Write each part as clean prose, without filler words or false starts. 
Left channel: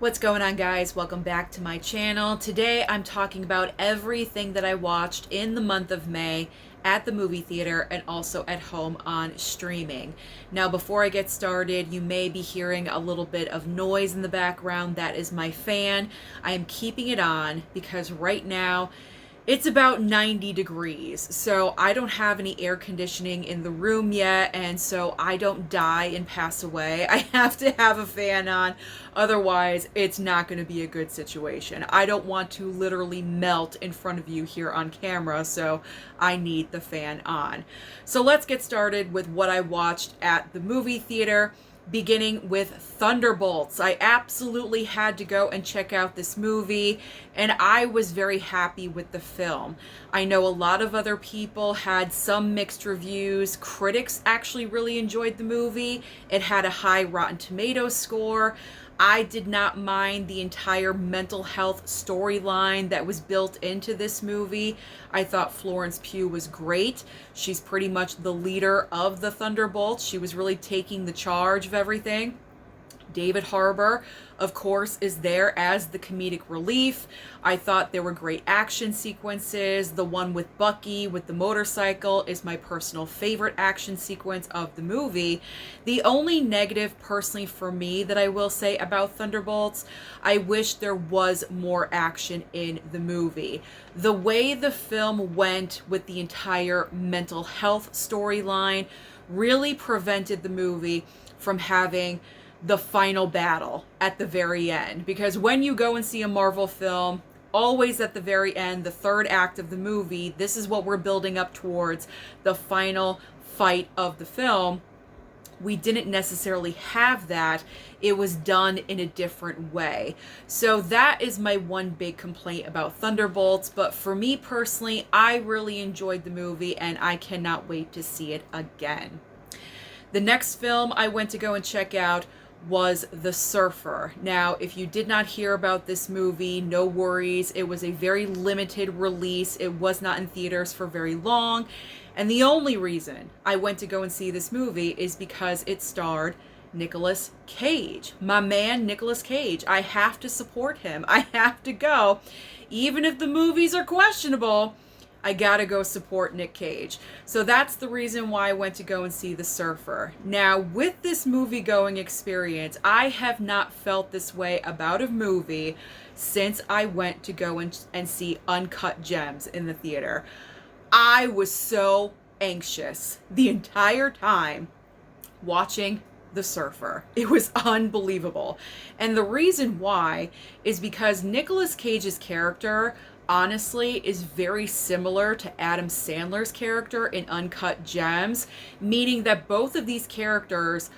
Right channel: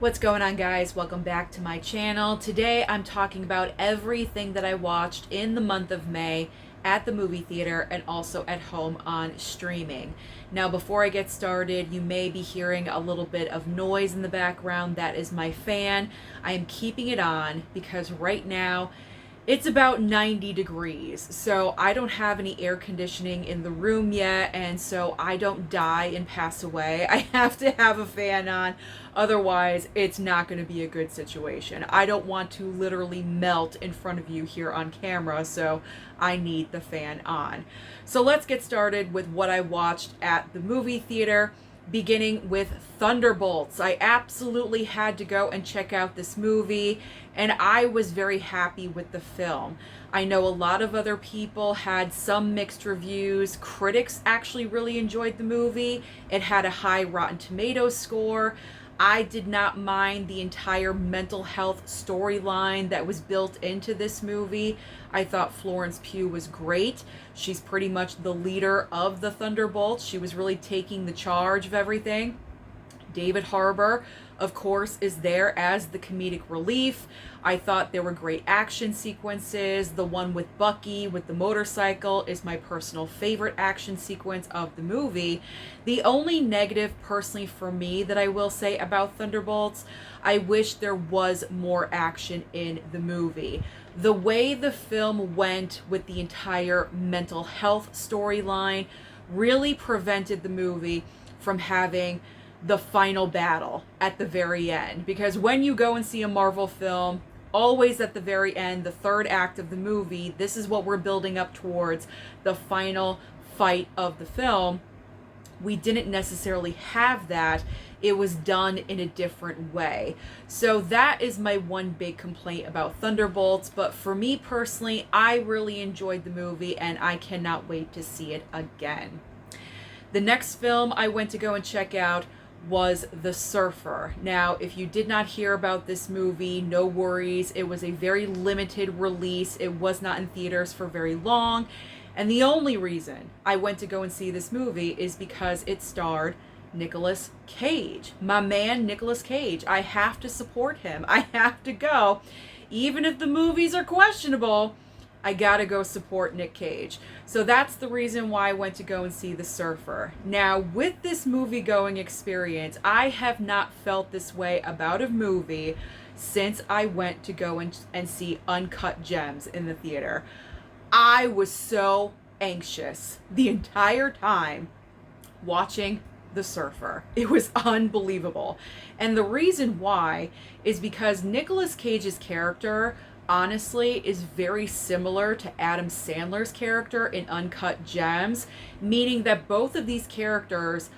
What's going on, guys? Welcome back to my channel. Today I'm talking about everything that I watched in the month of May at the movie theater and also at home on streaming. Now, before I get started, you may be hearing a little bit of noise in the background. That is my fan. I am keeping it on because right now it's about 90 degrees, so I don't have any air conditioning in the room yet, and so I don't die and pass away. I have to have a fan on, otherwise it's not going to be a good situation. I don't want to literally melt in front of you here on camera, so I need the fan on. So let's get started with what I watched at the movie theater, beginning with Thunderbolts. I absolutely had to go and check out this movie, and I was very happy with the film. I know a lot of other people had some mixed reviews. Critics actually really enjoyed the movie. It had a high Rotten Tomatoes score. I did not mind the entire mental health storyline that was built into this movie. I thought Florence Pugh was great. She's pretty much the leader of the Thunderbolts. She was really taking the charge of everything. David Harbour, of course, is there as the comedic relief. I thought there were great action sequences. The one with Bucky with the motorcycle is my personal favorite action sequence of the movie. The only negative, personally, for me that I will say about Thunderbolts, I wish there was more action in the movie. The way the film went with the entire mental health storyline really prevented the movie from having the final battle at the very end. Because when you go and see a Marvel film, always at the very end, the third act of the movie, this is what we're building up towards, the final fight of the film. We didn't necessarily have that. It was done in a different way. So that is my one big complaint about Thunderbolts. But for me personally, I really enjoyed the movie and I cannot wait to see it again. The next film I went to go and check out was The Surfer. Now, if you did not hear about this movie, no worries. It was a very limited release. It was not in theaters for very long. And the only reason I went to go and see this movie is because it starred Nicolas Cage. My man, Nicolas Cage. I have to support him. I have to go. Even if the movies are questionable, I gotta go support Nick Cage. So that's the reason why I went to go and see The Surfer. Now, with this movie-going experience, I have not felt this way about a movie since I went to go and see Uncut Gems in the theater. I was so anxious the entire time watching The Surfer. It was unbelievable. And the reason why is because Nicolas Cage's character, honestly, is very similar to Adam Sandler's character in Uncut Gems, meaning that both of these characters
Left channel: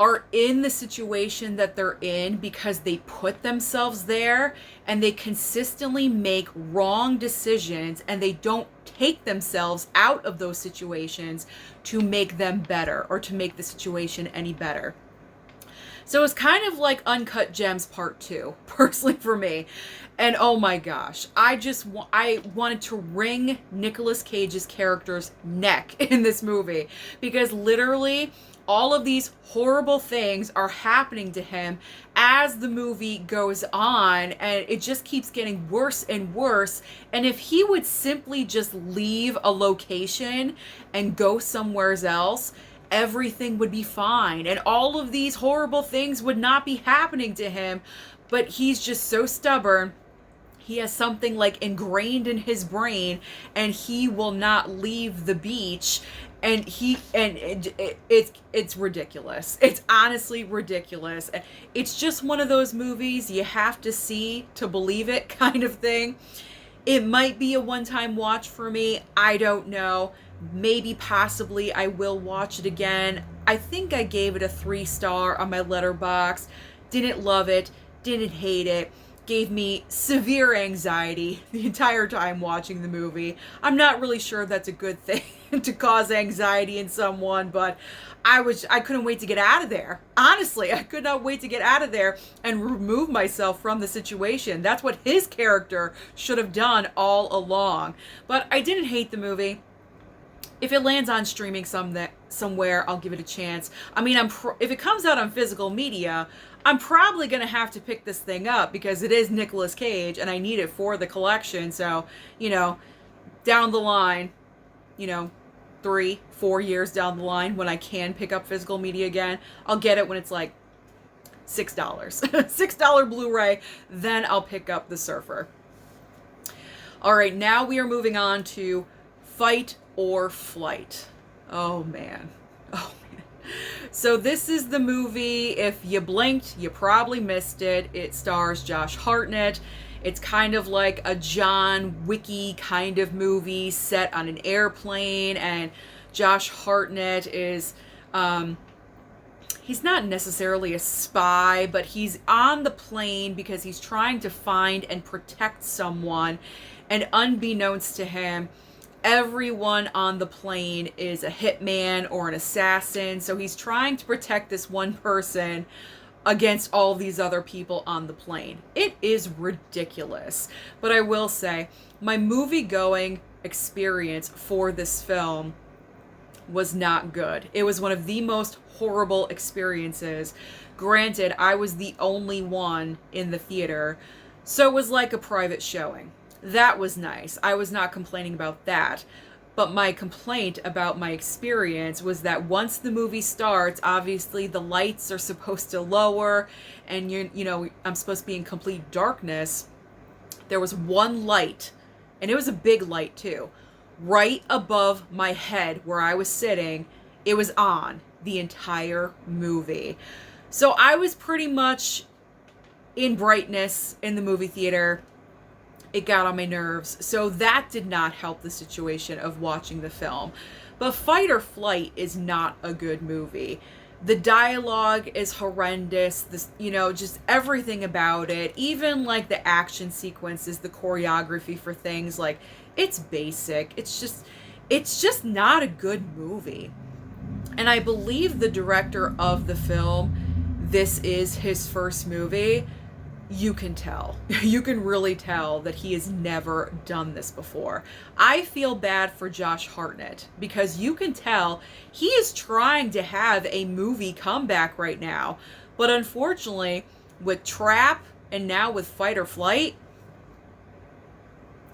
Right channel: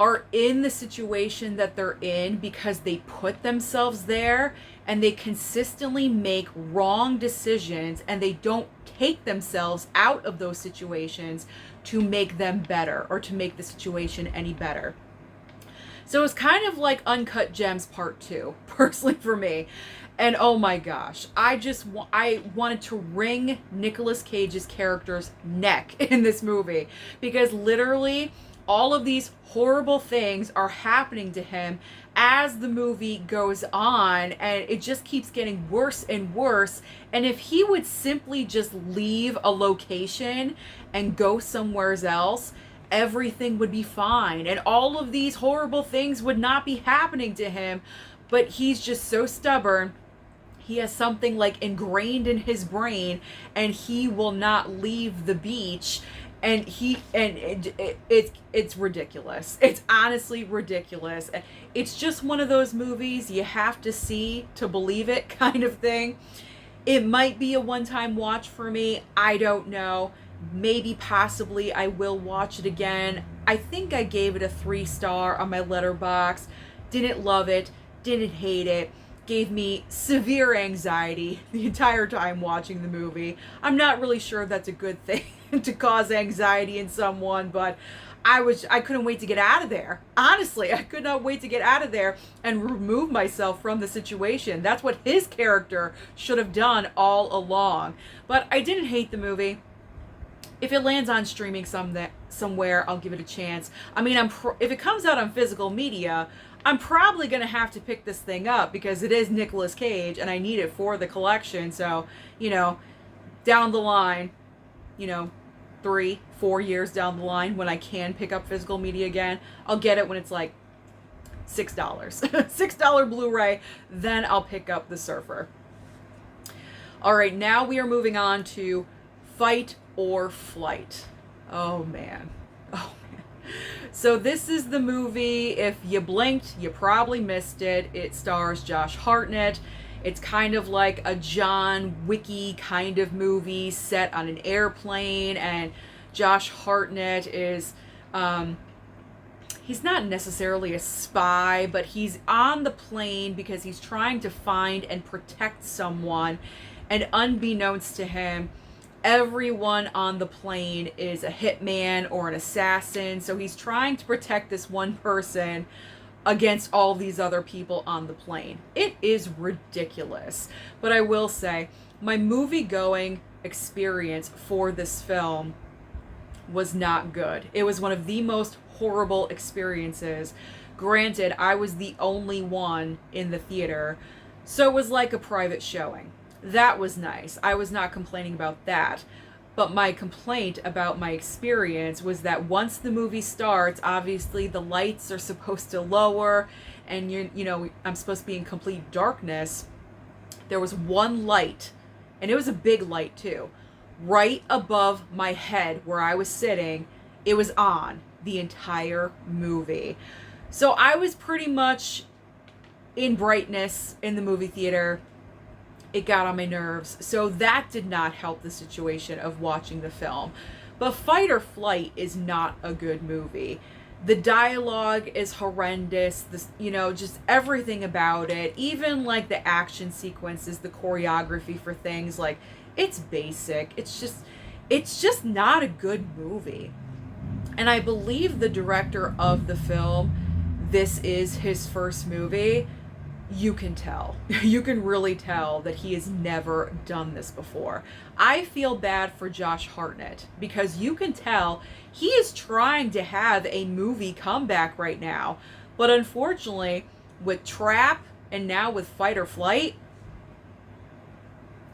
are in the situation that they're in because they put themselves there and they consistently make wrong decisions and they don't take themselves out of those situations to make them better or to make the situation any better. So it's kind of like Uncut Gems Part 2, personally for me. And oh my gosh, I wanted to wring Nicolas Cage's character's neck in this movie because literally all of these horrible things are happening to him as the movie goes on, and it just keeps getting worse and worse. And if he would simply just leave a location and go somewhere else, everything would be fine and all of these horrible things would not be happening to him. But he's just so stubborn. He has something like ingrained in his brain and he will not leave the beach. And it's ridiculous. It's honestly ridiculous. It's just one of those movies you have to see to believe it kind of thing. It might be a one-time watch for me. I don't know. Maybe possibly I will watch it again. I think I gave it a 3-star on my Letterboxd. Didn't love it. Didn't hate it. Gave me severe anxiety the entire time watching the movie. I'm not really sure that's a good thing to cause anxiety in someone, but I couldn't wait to get out of there. Honestly, I could not wait to get out of there and remove myself from the situation. That's what his character should have done all along. But I didn't hate the movie. If it lands on streaming somewhere, I'll give it a chance. I mean, if it comes out on physical media, I'm probably going to have to pick this thing up because it is Nicolas Cage and I need it for the collection. So, you know, down the line, you know, 3-4 years down the line, when I can pick up physical media again, I'll get it when it's like $6. $6 Blu-ray, then I'll pick up The Surfer. All right, now we are moving on to Fight or Flight. Oh man. Oh man. So this is the movie, if you blinked, you probably missed it. It stars Josh Hartnett. It's kind of like a John Wicky kind of movie set on an airplane, and Josh Hartnett is, he's not necessarily a spy, but he's on the plane because he's trying to find and protect someone, and unbeknownst to him, everyone on the plane is a hitman or an assassin, so he's trying to protect this one person against all these other people on the plane. It is ridiculous. But I will say, my movie-going experience for this film was not good. It was one of the most horrible experiences. Granted, I was the only one in the theater, so it was like a private showing. That was nice. I was not complaining about that. But my complaint about my experience was that once the movie starts, obviously the lights are supposed to lower and you know, I'm supposed to be in complete darkness. There was one light, and it was a big light too, right above my head where I was sitting. It was on the entire movie. So I was pretty much in brightness in the movie theater. It got on my nerves. So that did not help the situation of watching the film. But Fight or Flight is not a good movie. The dialogue is horrendous. This, you know, just everything about it, even like the action sequences, the choreography for things, like, it's basic. It's just not a good movie. And I believe the director of the film, this is his first movie. You can tell. You can really tell that he has never done this before. I feel bad for Josh Hartnett because you can tell he is trying to have a movie comeback right now. But unfortunately, with Trap and now with Fight or Flight,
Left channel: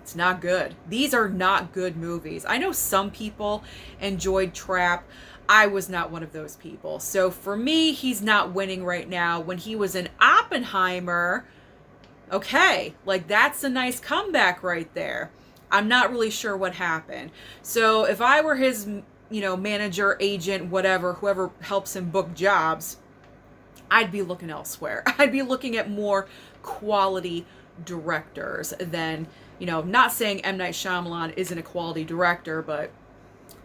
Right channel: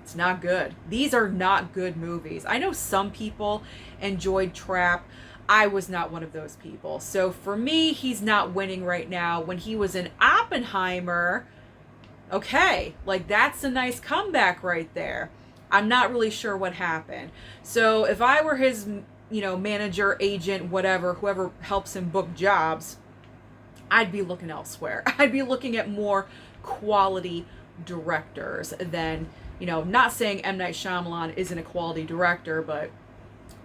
it's not good. These are not good movies. I know some people enjoyed Trap. I was not one of those people. So for me, he's not winning right now. When he was in Oppenheimer, okay, like that's a nice comeback right there. I'm not really sure what happened. So if I were his, you know, manager, agent, whatever, whoever helps him book jobs, I'd be looking elsewhere. I'd be looking at more quality directors than, you know, not saying M. Night Shyamalan isn't a quality director, but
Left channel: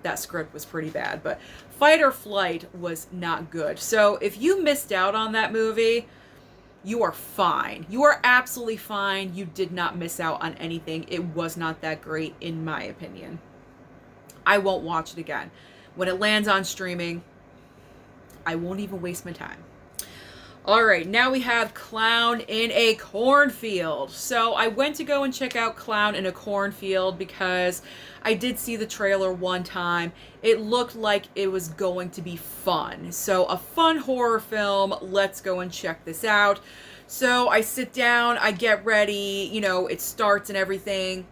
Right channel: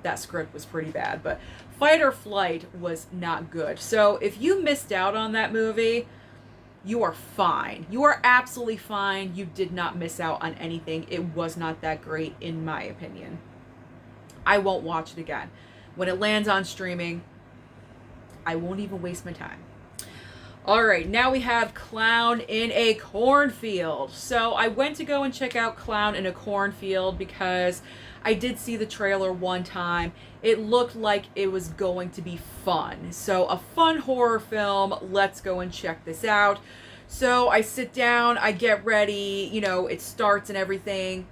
that script was pretty bad. But Fight or Flight was not good. So if you missed out on that movie, you are fine. You are absolutely fine. You did not miss out on anything. It was not that great, in my opinion. I won't watch it again. When it lands on streaming, I won't even waste my time. All right, now we have Clown in a Cornfield. So I went to go and check out Clown in a Cornfield because I did see the trailer one time. It looked like it was going to be fun. So a fun horror film, let's go and check this out. So I sit down, I get ready, you know, it starts and everything,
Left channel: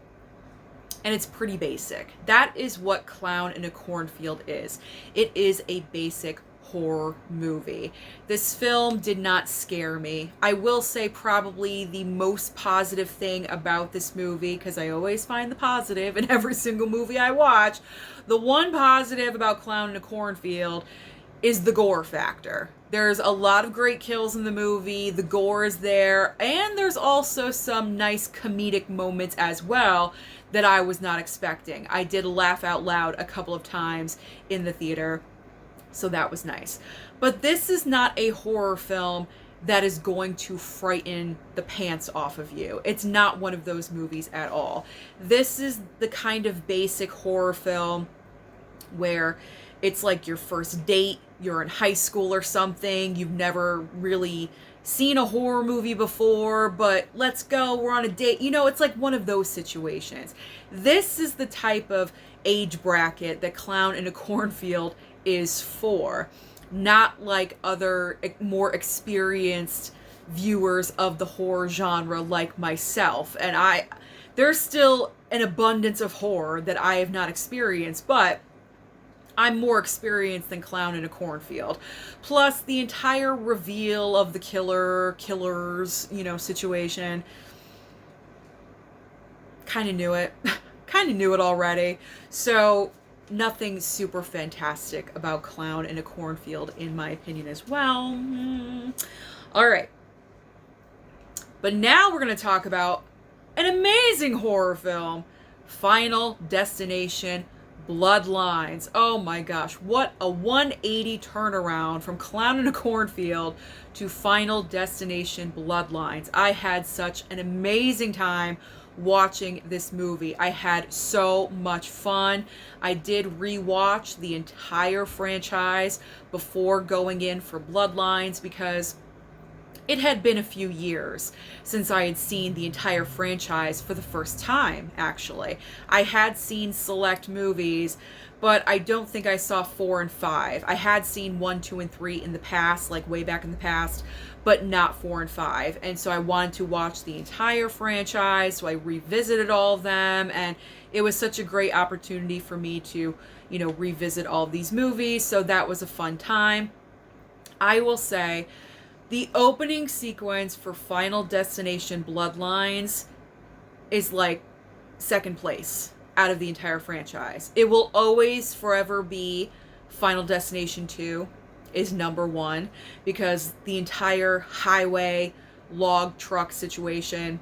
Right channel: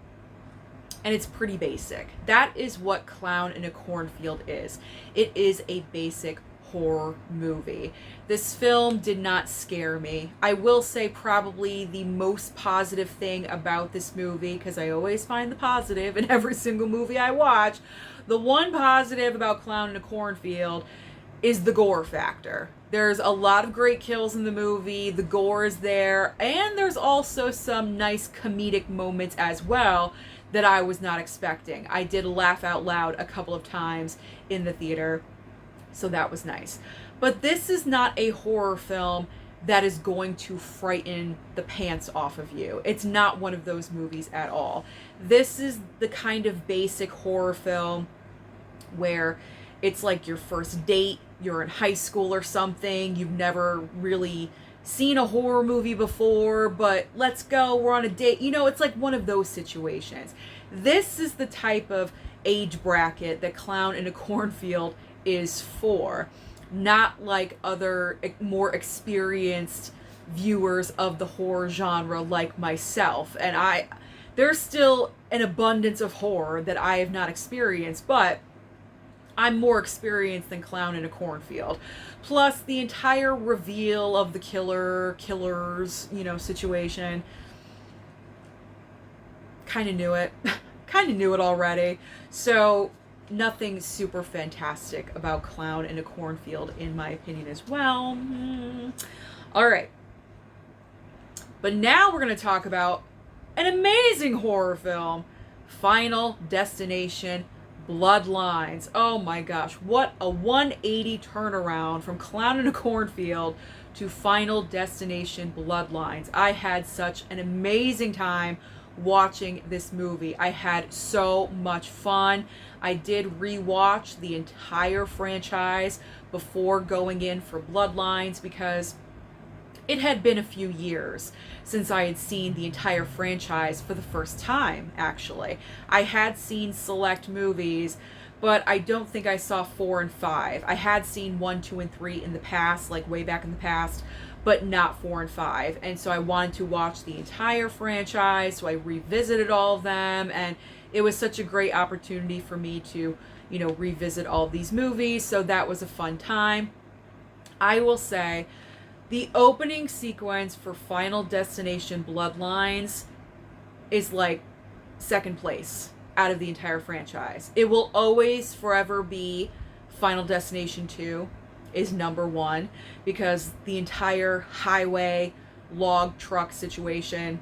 and it's pretty basic. That is what Clown in a Cornfield is. It is a basic horror movie. This film did not scare me. I will say probably the most positive thing about this movie, because I always find the positive in every single movie I watch, the one positive about Clown in a Cornfield is the gore factor. There's a lot of great kills in the movie, the gore is there, and there's also some nice comedic moments as well that I was not expecting. I did laugh out loud a couple of times in the theater, so that was nice. But this is not a horror film that is going to frighten the pants off of you. It's not one of those movies at all. This is the kind of basic horror film where it's like your first date, you're in high school or something, you've never really seen a horror movie before, but let's go, we're on a date. You know, it's like one of those situations. This is the type of age bracket that Clown in a Cornfield is for. not like other more experienced viewers of the horror genre like myself. And there's still an abundance of horror that I have not experienced, but I'm more experienced than Clown in a Cornfield. Plus, the entire reveal of the killers, situation. Kind of knew it. Kind of knew it already. So, nothing super fantastic about Clown in a Cornfield, in my opinion, as well. Alright. But now we're going to talk about an amazing horror film, Final Destination Bloodlines. Oh my gosh, what a 180 turnaround from Clown in a Cornfield to Final Destination Bloodlines. I had such an amazing time watching this movie. I had so much fun. I did rewatch the entire franchise before going in for Bloodlines because it had been a few years since I had seen the entire franchise for the first time, actually. I had seen select movies, but I don't think I saw 4 and 5. I had seen 1, 2, and 3 in the past, like way back in the past, but not 4 and 5. And so I wanted to watch the entire franchise, so I revisited all of them, and it was such a great opportunity for me to, revisit all of these movies, so that was a fun time. I will say, the opening sequence for Final Destination Bloodlines is like second place out of the entire franchise. It will always forever be Final Destination 2 is number 1 because the entire highway log truck situation,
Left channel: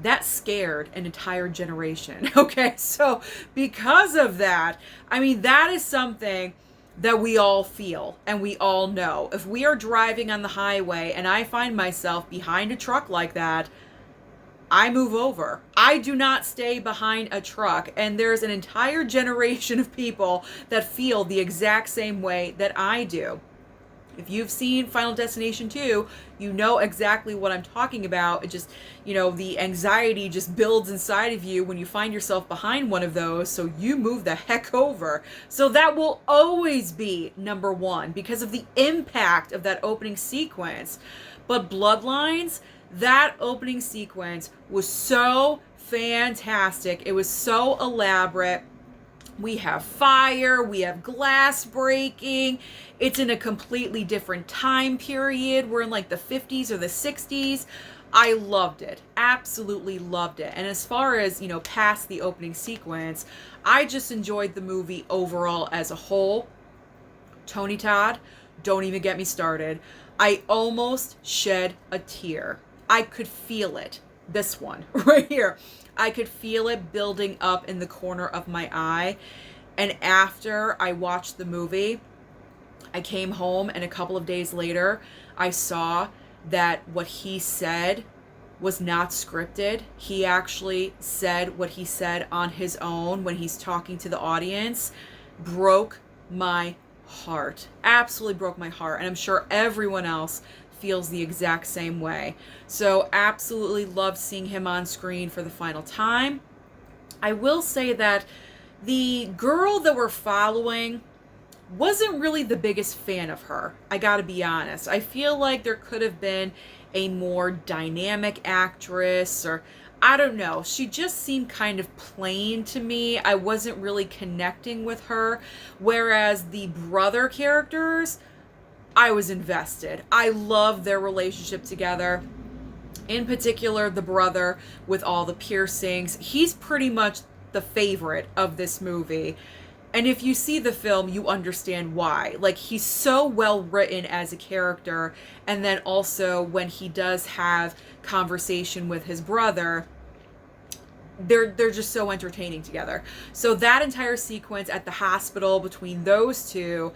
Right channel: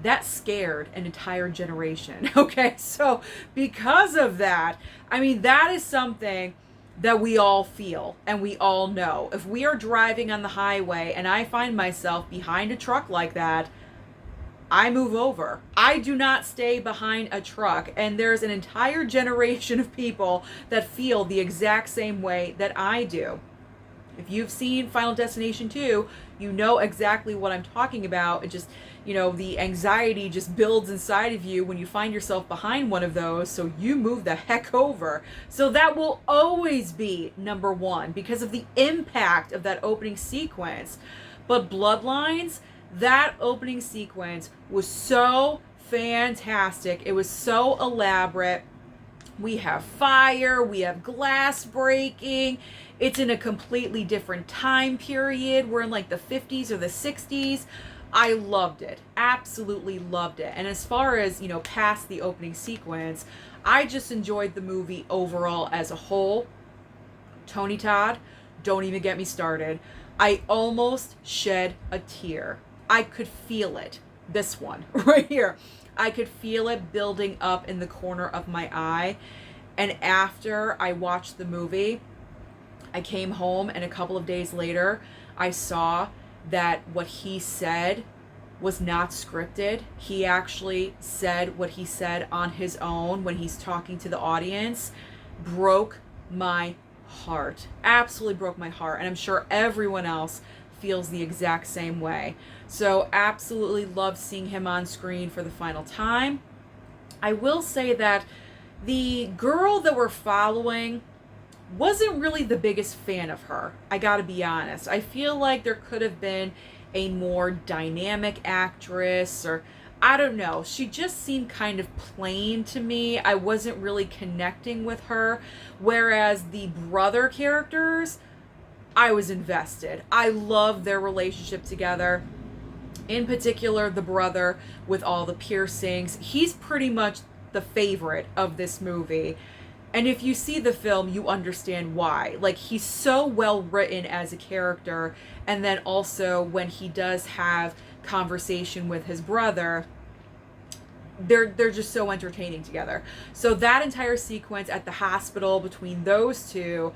that scared an entire generation. Okay, so because of that, that is something that we all feel and we all know. If we are driving on the highway and I find myself behind a truck like that, I move over. I do not stay behind a truck. And there's an entire generation of people that feel the exact same way that I do. If you've seen Final Destination 2, you know exactly what I'm talking about. It just, the anxiety just builds inside of you when you find yourself behind one of those, so you move the heck over. So that will always be number 1 because of the impact of that opening sequence. But Bloodlines, that opening sequence was so fantastic. It was so elaborate. We have fire, we have glass breaking. It's in a completely different time period. We're in like the 50s or the 60s. I loved it. Absolutely loved it. And as far as, past the opening sequence, I just enjoyed the movie overall as a whole. Tony Todd, don't even get me started. I almost shed a tear. I could feel it. This one right here. I could feel it building up in the corner of my eye. And after I watched the movie, I came home and a couple of days later, I saw that what he said was not scripted. He actually said what he said on his own when he's talking to the audience. Broke my heart. Absolutely broke my heart. And I'm sure everyone else feels the exact same way. So absolutely loved seeing him on screen for the final time. I will say that the girl that we're following wasn't really the biggest fan of her. I gotta be honest. I feel like there could have been a more dynamic actress, or I don't know. She just seemed kind of plain to me. I wasn't really connecting with her. Whereas the brother characters, I was invested. I loved their relationship together. In particular, the brother with all the piercings. He's pretty much the favorite of this movie. And if you see the film, you understand why. Like, he's so well written as a character. And then also when he does have conversation with his brother, they're just so entertaining together. So that entire sequence at the hospital between those two,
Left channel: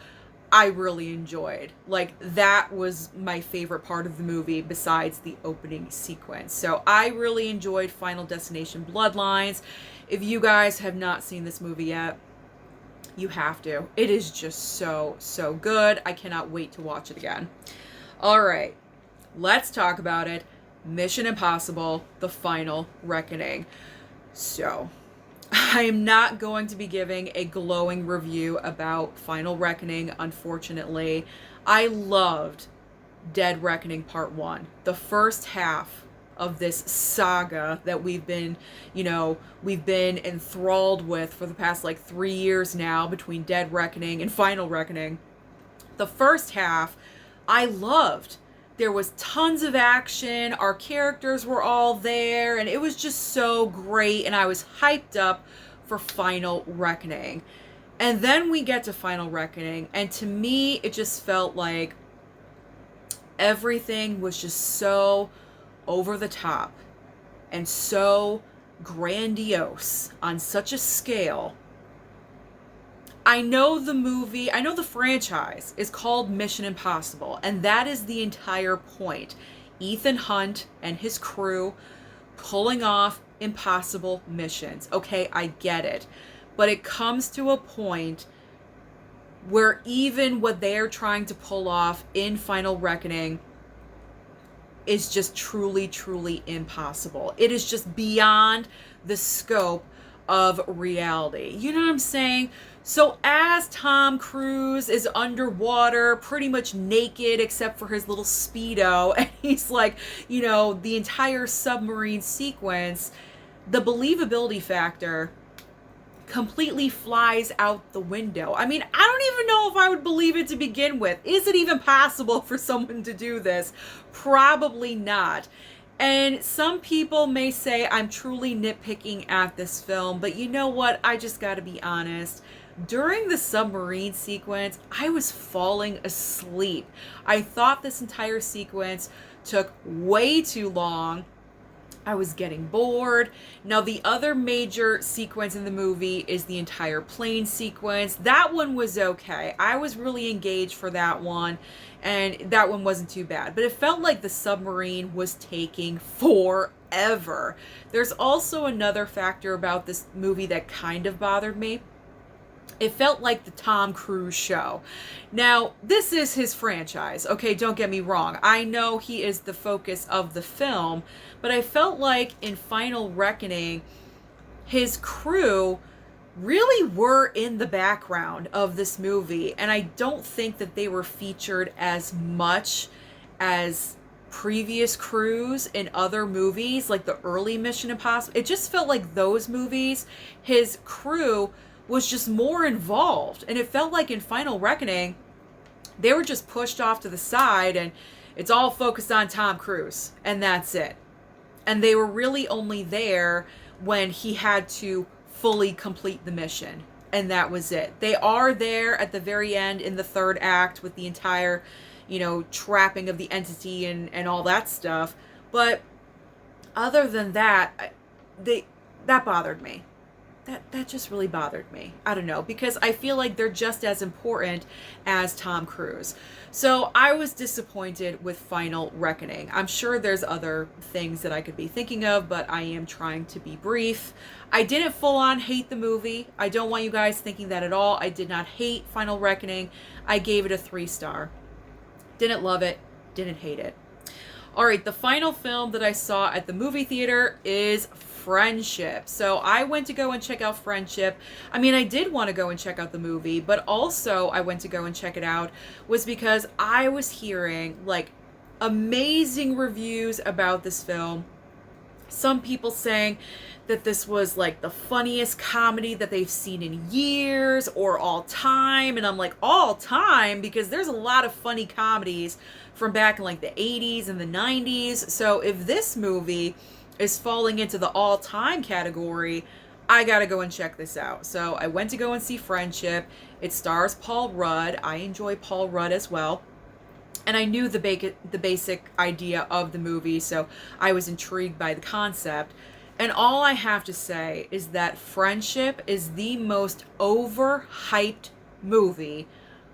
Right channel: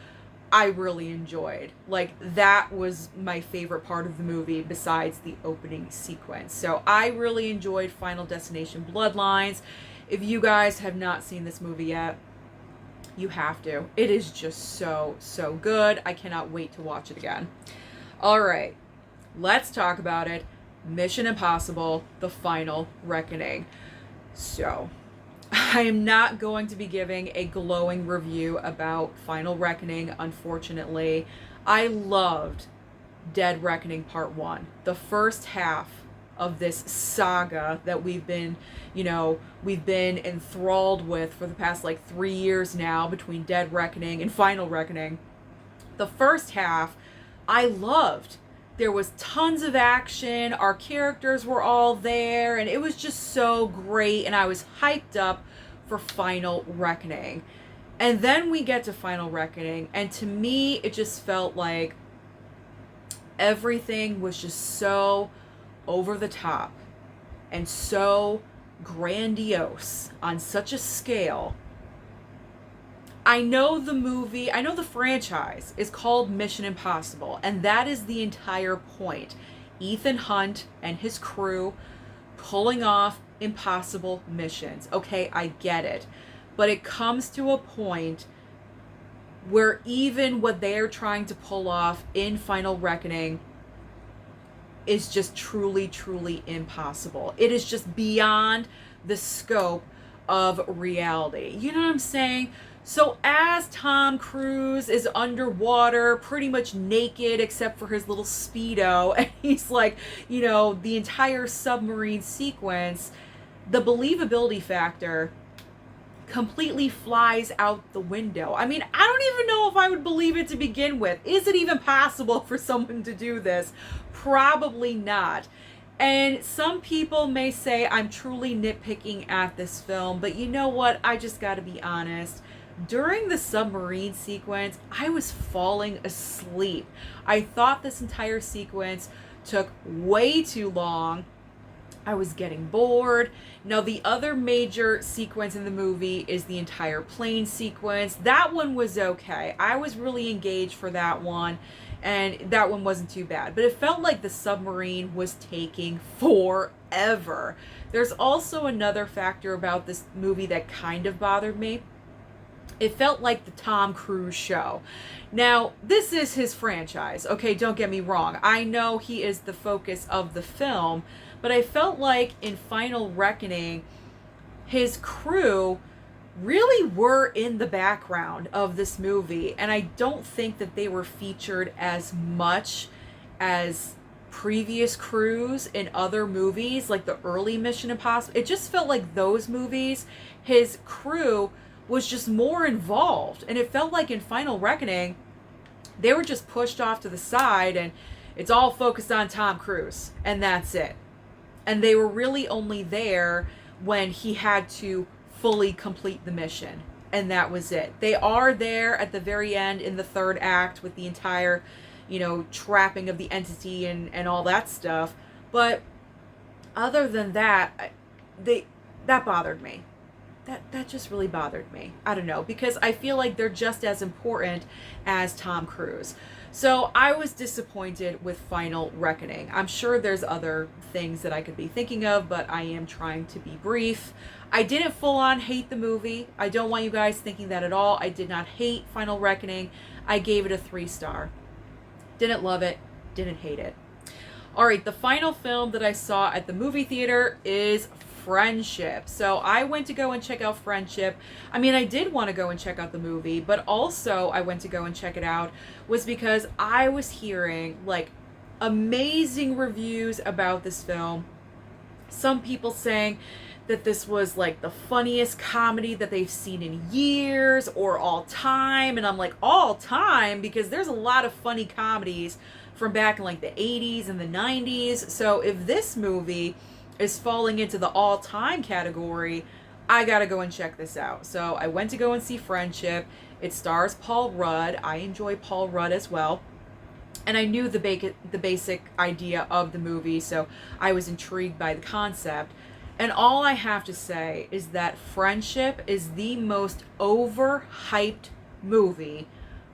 I really enjoyed. Like, that was my favorite part of the movie besides the opening sequence. So I really enjoyed Final Destination Bloodlines. If you guys have not seen this movie yet, you have to. It is just so, so good. I cannot wait to watch it again. All right, let's talk about it. Mission Impossible: The Final Reckoning. So, I am not going to be giving a glowing review about Final Reckoning, unfortunately. I loved Dead Reckoning Part 1. The first half of this saga that we've been enthralled with for the past like 3 years now, between Dead Reckoning and Final Reckoning. The first half I loved. There was tons of action, our characters were all there, and it was just so great, and I was hyped up for Final Reckoning. And then we get to Final Reckoning, and to me, it just felt like everything was just so over the top and so grandiose on such a scale. I know the franchise is called Mission Impossible, and that is the entire point. Ethan Hunt and his crew pulling off impossible missions. Okay, I get it. But it comes to a point where even what they're trying to pull off in Final Reckoning is just truly, truly impossible. It is just beyond the scope of reality. You know what I'm saying? So as Tom Cruise is underwater, pretty much naked except for his little Speedo, and he's like, the entire submarine sequence, the believability factor completely flies out the window. I mean, I don't even know if I would believe it to begin with. Is it even possible for someone to do this? Probably not. And some people may say I'm truly nitpicking at this film, but you know what? I just gotta be honest. During the submarine sequence, I was falling asleep. I thought this entire sequence took way too long. I was getting bored. Now, the other major sequence in the movie is the entire plane sequence. That one was okay. I was really engaged for that one, and that one wasn't too bad. But it felt like the submarine was taking forever. There's also another factor about this movie that kind of bothered me. It felt like the Tom Cruise show. Now, this is his franchise. Okay, don't get me wrong. I know he is the focus of the film, but I felt like in Final Reckoning, his crew really were in the background of this movie, and I don't think that they were featured as much as previous crews in other movies, like the early Mission Impossible. It just felt like those movies, his crew was just more involved, and it felt like in Final Reckoning, they were just pushed off to the side, and it's all focused on Tom Cruise, and that's it. And they were really only there when he had to fully complete the mission, and that was it. They are there at the very end in the third act with the entire, trapping of the entity and all that stuff, but other than that, that bothered me. That just really bothered me. I don't know, because I feel like they're just as important as Tom Cruise. So I was disappointed with Final Reckoning. I'm sure there's other things that I could be thinking of, but I am trying to be brief. I didn't full on hate the movie. I don't want you guys thinking that at all. I did not hate Final Reckoning. I gave it a 3-star. Didn't love it. Didn't hate it. All right, the final film that I saw at the movie theater is Friendship. So I went to go and check out Friendship. I mean, I did want to go and check out the movie, but also I went to go and check it out was because I was hearing like amazing reviews about this film. Some people saying that this was like the funniest comedy that they've seen in years or all time. And I'm like, all time? Because there's a lot of funny comedies from back in like the 80s and the 90s. So if this movie is falling into the all-time category, I gotta go and check this out. So I went to go and see Friendship. It stars Paul Rudd. I enjoy Paul Rudd as well. And I knew the basic idea of the movie, so I was intrigued by the concept. And all I have to say is that Friendship is the most overhyped movie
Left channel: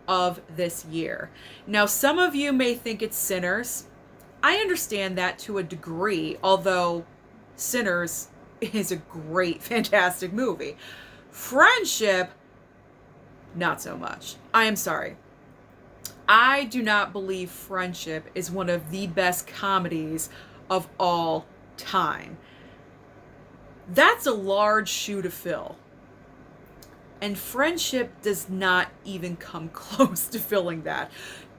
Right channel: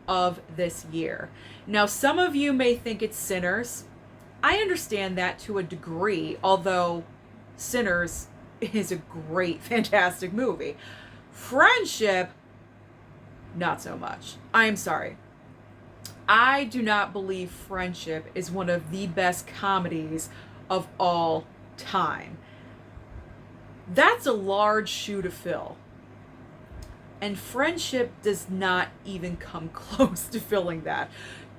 of this year. Now, some of you may think it's Sinners. I understand that to a degree, although Sinners is a great, fantastic movie. Friendship, not so much. I am sorry. I do not believe Friendship is one of the best comedies of all time. That's a large shoe to fill. And Friendship does not even come close to filling that.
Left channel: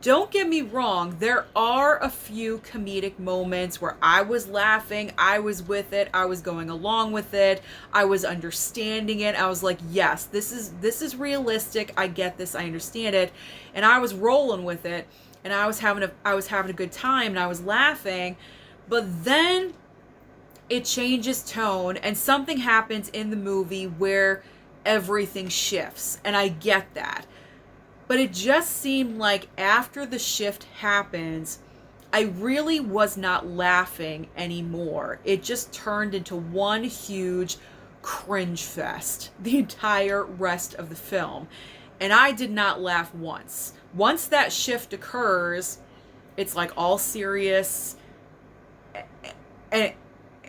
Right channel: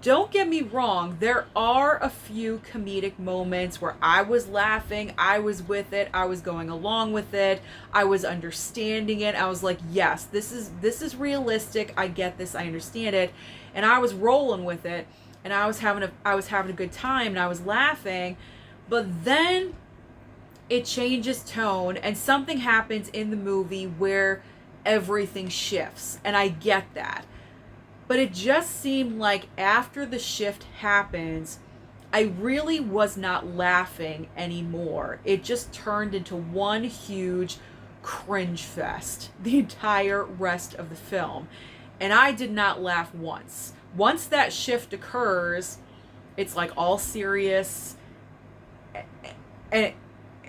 Don't get me wrong, there are a few comedic moments where I was laughing, I was with it, I was going along with it, I was understanding it. I was like, yes, this is realistic. I get this, I understand it. And I was rolling with it, and I was having a good time, and I was laughing. But then it changes tone, and something happens in the movie where everything shifts, and I get that. But it just seemed like after the shift happens, I really was not laughing anymore. It just turned into one huge cringe fest the entire rest of the film. And I did not laugh once. Once that shift occurs, it's like all serious, and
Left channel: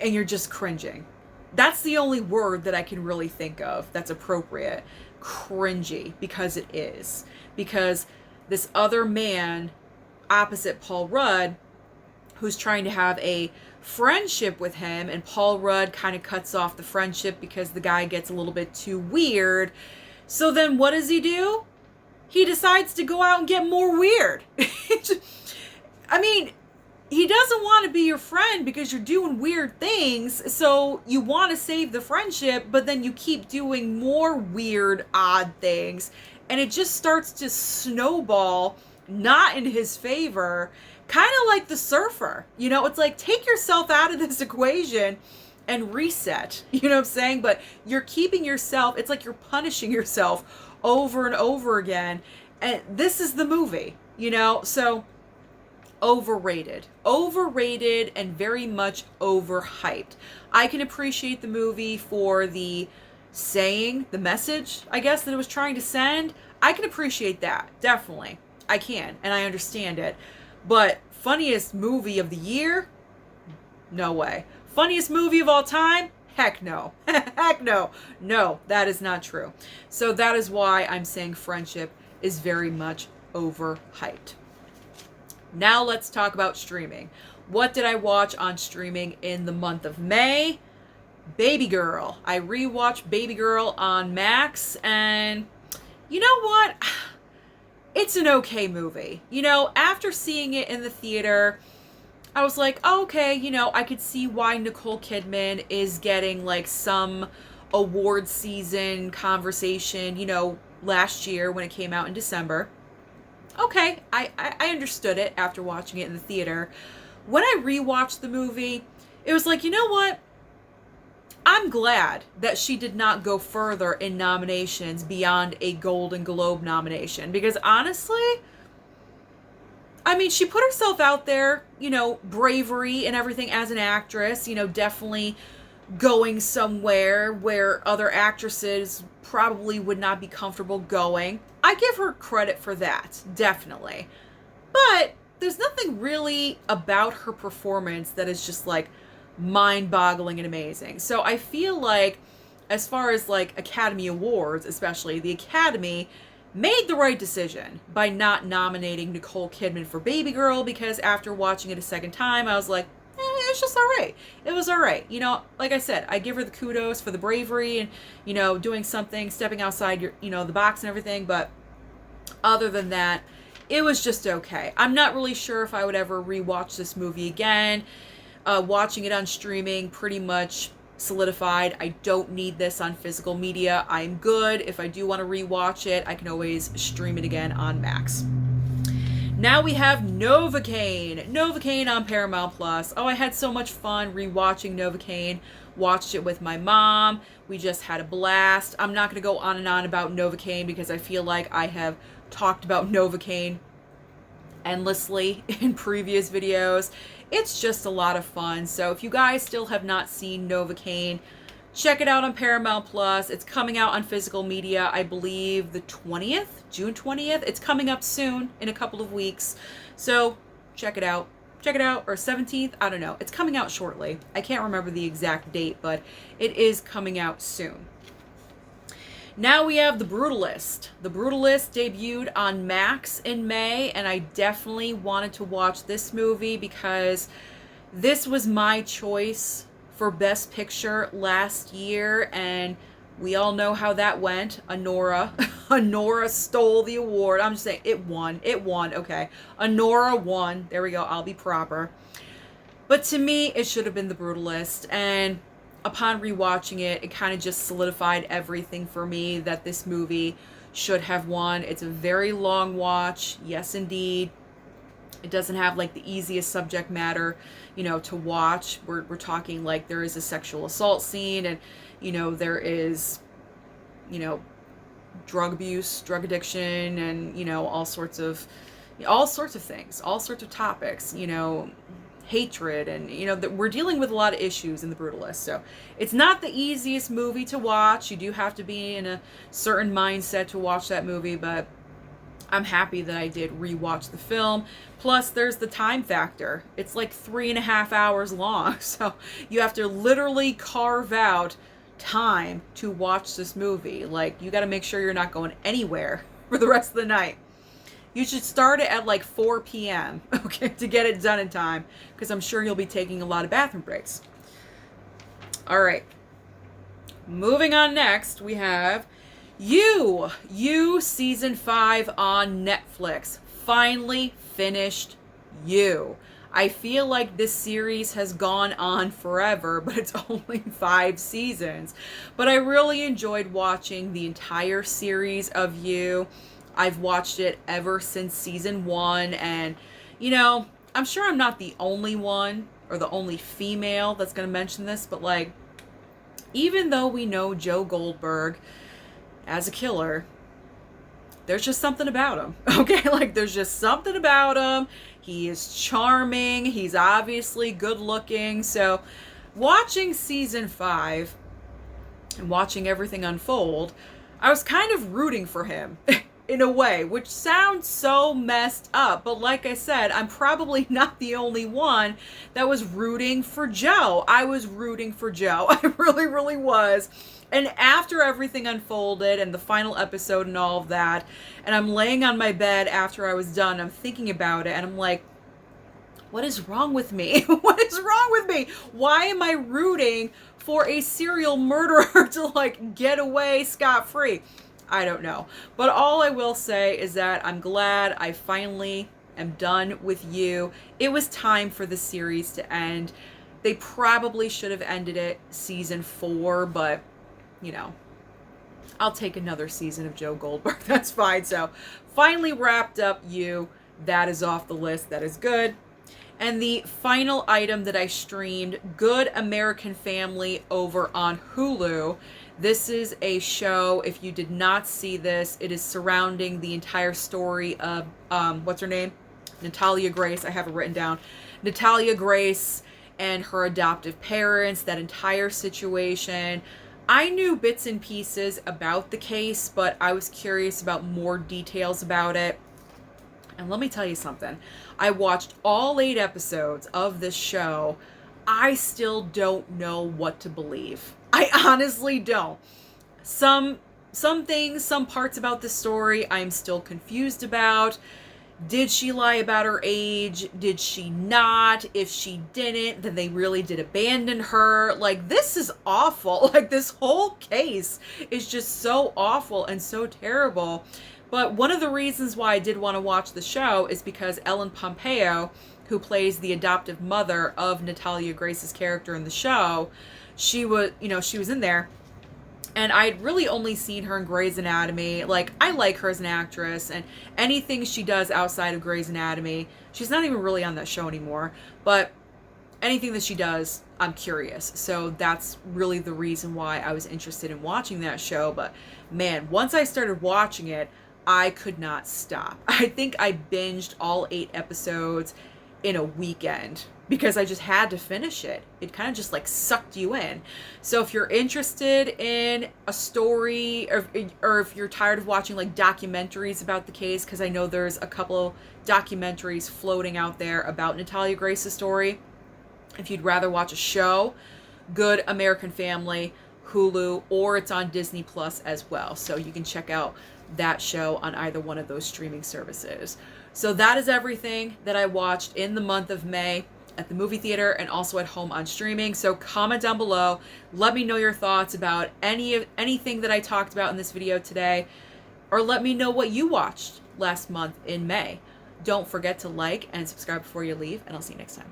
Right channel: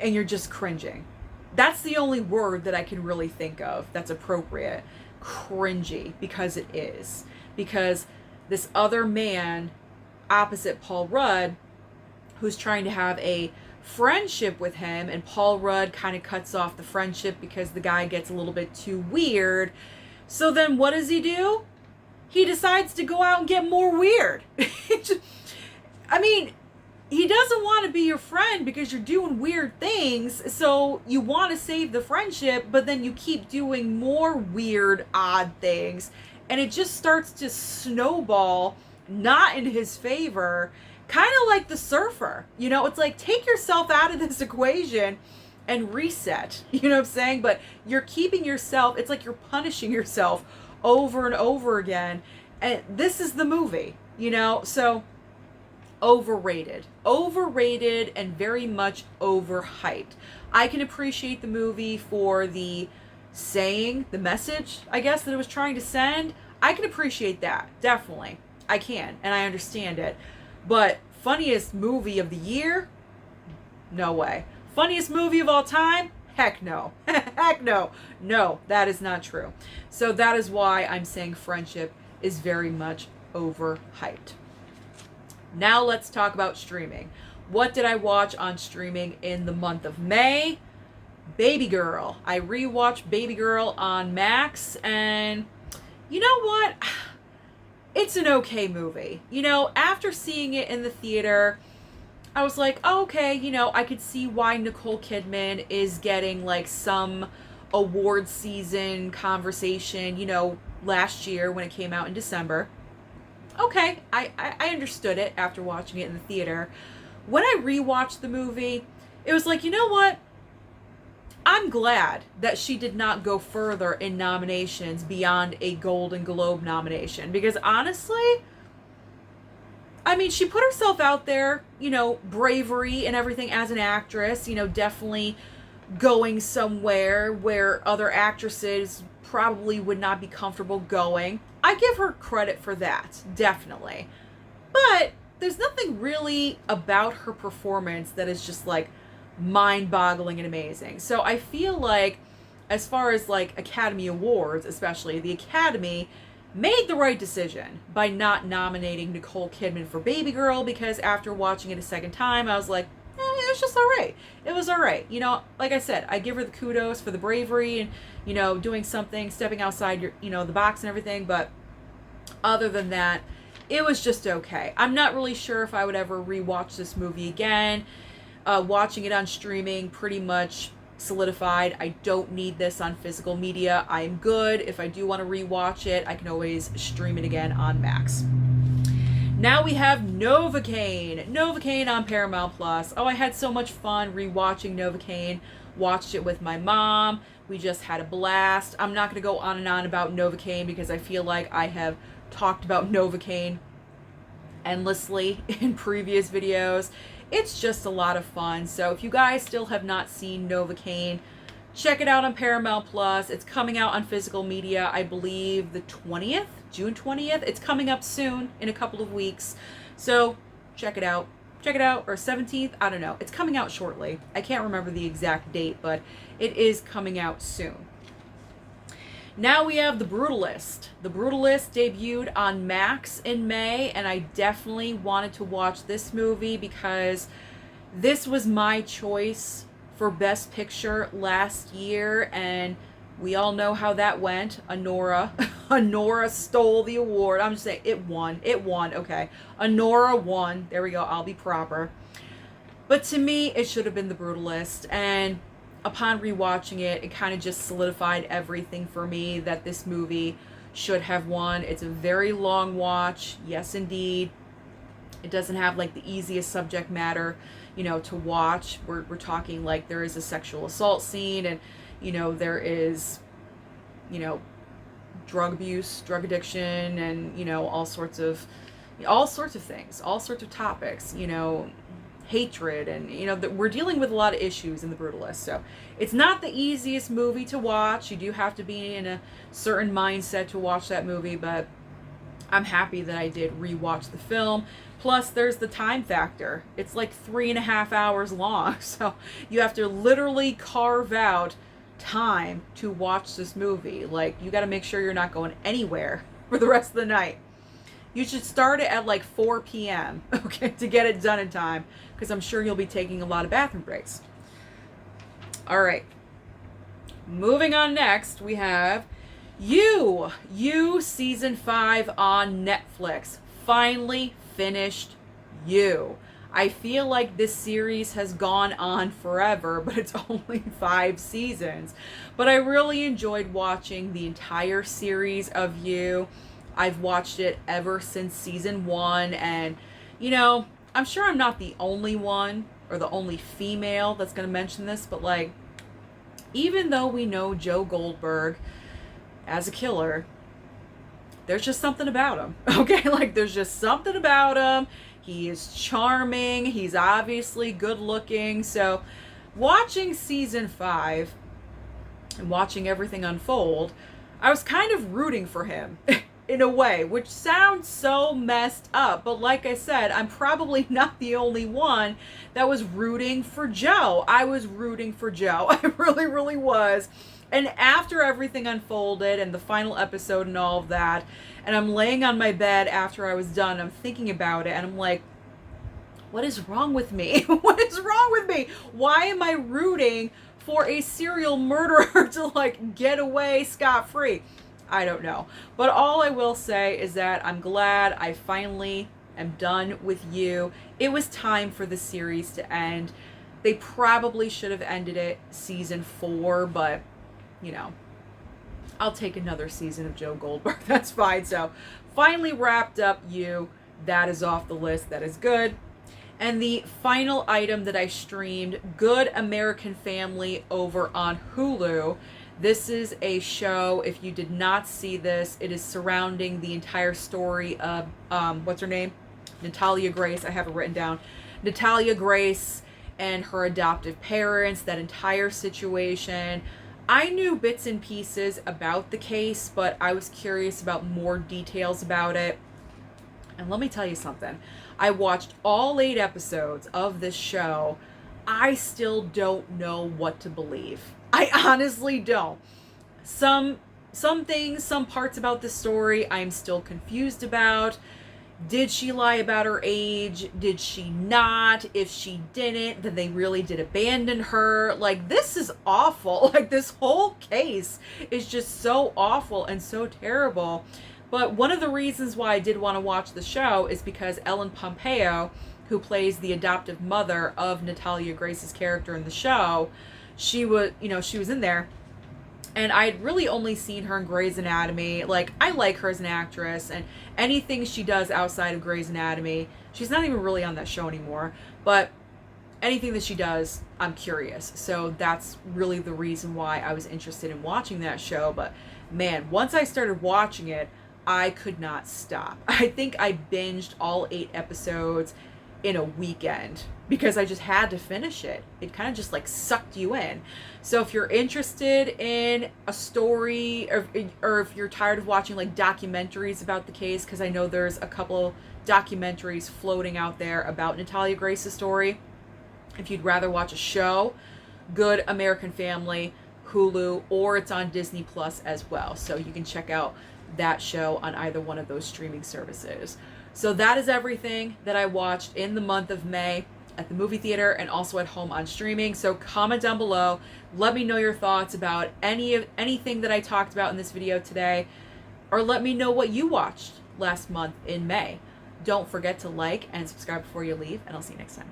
you're just cringing. That's the only word that I can really think of that's appropriate. Cringy, because it is. Because this other man opposite Paul Rudd, who's trying to have a friendship with him, and Paul Rudd kind of cuts off the friendship because the guy gets a little bit too weird. So then what does he do? He decides to go out and get more weird. I mean, he doesn't want to be your friend because you're doing weird things, so you want to save the friendship, but then you keep doing more weird, odd things, and it just starts to snowball, not in his favor, kind of like the surfer. You know, it's like, take yourself out of this equation and reset. You know what I'm saying? But you're keeping yourself, it's like you're punishing yourself over and over again. And this is the movie, you know? So, overrated and very much overhyped. I can appreciate the movie for the message, I guess, that it was trying to send. I can appreciate that, definitely. I can, and I understand it. But funniest movie of the year? No way. Funniest movie of all time? Heck no. Heck no. No, that is not true. So that is why I'm saying Friendship is very much overhyped. Now let's talk about streaming. What did I watch on streaming in the month of May? Baby Girl. I rewatched Baby Girl on Max, and you know what? It's an okay movie. You know, after seeing it in the theater, I was like, oh, okay, you know, I could see why Nicole Kidman is getting like some award season conversation, you know, last year when it came out in December. Okay, I understood it after watching it in the theater. When I rewatched the movie, it was like, you know what? I'm glad that she did not go further in nominations beyond a Golden Globe nomination. Because honestly, I mean, she put herself out there, you know, bravery and everything as an actress, you know, definitely going somewhere where other actresses probably would not be comfortable going. I give her credit for that, definitely. But there's nothing really about her performance that is just like mind-boggling and amazing. So I feel like, as far as like Academy Awards, especially, the Academy made the right decision by not nominating Nicole Kidman for Baby Girl, because after watching it a second time, I was like, it's just all right. It was all right. You know, like I said, I give her the kudos for the bravery and, you know, doing something, stepping outside your, you know, the box and everything. But other than that, it was just okay. I'm not really sure if I would ever rewatch this movie again. Watching it on streaming pretty much solidified. I don't need this on physical media. I'm good. If I do want to rewatch it, I can always stream it again on Max. Now we have Novacane. Novacane on Paramount Plus. Oh, I had so much fun rewatching Novacane. Watched it with my mom. We just had a blast. I'm not going to go on and on about Novacane because I feel like I have talked about Novacane endlessly in previous videos. It's just a lot of fun. So if you guys still have not seen Novacane, check it out on Paramount Plus. It's coming out on physical media, I believe the 20th, June 20th. It's coming up soon in a couple of weeks. So check it out. Check it out. Or 17th, I don't know. It's coming out shortly. I can't remember the exact date, but it is coming out soon. Now we have The Brutalist. The Brutalist debuted on Max in May, and I definitely wanted to watch this movie because this was my choice for Best Picture last year, and we all know how that went. Anora. Anora stole the award. I'm just saying, it won. It won. Okay. Anora won. There we go. I'll be proper. But to me, it should have been The Brutalist. And upon rewatching it, it kind of just solidified everything for me that this movie should have won. It's a very long watch. Yes, indeed. It doesn't have like the easiest subject matter, to watch. We're talking like there is a sexual assault scene, and there is, drug abuse, drug addiction, and all sorts of things, all sorts of topics, hatred, and that we're dealing with a lot of issues in The Brutalist. So it's not the easiest movie to watch. You do have to be in a certain mindset to watch that movie, but I'm happy that I did rewatch the film. Plus, there's the time factor. It's like 3.5 hours long, so you have to literally carve out time to watch this movie. Like, you got to make sure you're not going anywhere for the rest of the night. You should start it at like 4 p.m., okay, to get it done in time, because I'm sure you'll be taking a lot of bathroom breaks. All right. Moving on next, we have You Season 5 on Netflix. Finally finished You. I feel like this series has gone on forever, but it's only 5 seasons. But I really enjoyed watching the entire series of You. I've watched it ever since season 1, and I'm sure I'm not the only one or the only female that's going to mention this, but like, even though we know Joe Goldberg as a killer, there's just something about him. Okay, like there's just something about him. He is charming. He's obviously good looking. So watching season 5 and watching everything unfold, I was kind of rooting for him in a way, which sounds so messed up. But like I said, I'm probably not the only one that was rooting for Joe. I was rooting for Joe. I really, really was. And after everything unfolded and the final episode and all of that, and I'm laying on my bed after I was done, I'm thinking about it, and I'm like, what is wrong with me? What is wrong with me? Why am I rooting for a serial murderer to like get away scot-free? I don't know. But all I will say is that I'm glad I finally am done with You. It was time for the series to end. They probably should have ended it season 4, but I'll take another season of Joe Goldberg. That's fine. So finally wrapped up You. That is off the list. That is good. And the final item that I streamed, Good American Family, over on Hulu. This is a show, if you did not see this, it is surrounding the entire story of, what's her name? Natalia Grace. I have it written down. Natalia Grace and her adoptive parents, that entire situation. I knew bits and pieces about the case, but I was curious about more details about it. And let me tell you something. I watched all 8 episodes of this show. I still don't know what to believe. I honestly don't. Some things, some parts about the story I'm still confused about. Did she lie about her age? Did she not? If she didn't, then they really did abandon her. Like, this is awful. Like, this whole case is just so awful and so terrible. But one of the reasons why I did want to watch the show is because Ellen Pompeo, who plays the adoptive mother of Natalia Grace's character in the show, she was in there. And I'd really only seen her in Grey's Anatomy. Like, I like her as an actress, and anything she does outside of Grey's Anatomy, she's not even really on that show anymore, but anything that she does, I'm curious. So that's really the reason why I was interested in watching that show. But man, once I started watching it, I could not stop. I think I binged all 8 episodes in a weekend because I just had to finish it. It kind of just like sucked you in. So if you're interested in a story, or if you're tired of watching like documentaries about the case, because I know there's a couple documentaries floating out there about Natalia Grace's story. If you'd rather watch a show, Good American Family, Hulu, or it's on Disney Plus as well. So you can check out that show on either one of those streaming services. So that is everything that I watched in the month of May. at the movie theater and also at home on streaming. So comment down below. Let me know your thoughts about anything that I talked about in this video today, or let me know what you watched last month in May. Don't forget to like and subscribe before you leave, and I'll see you next time.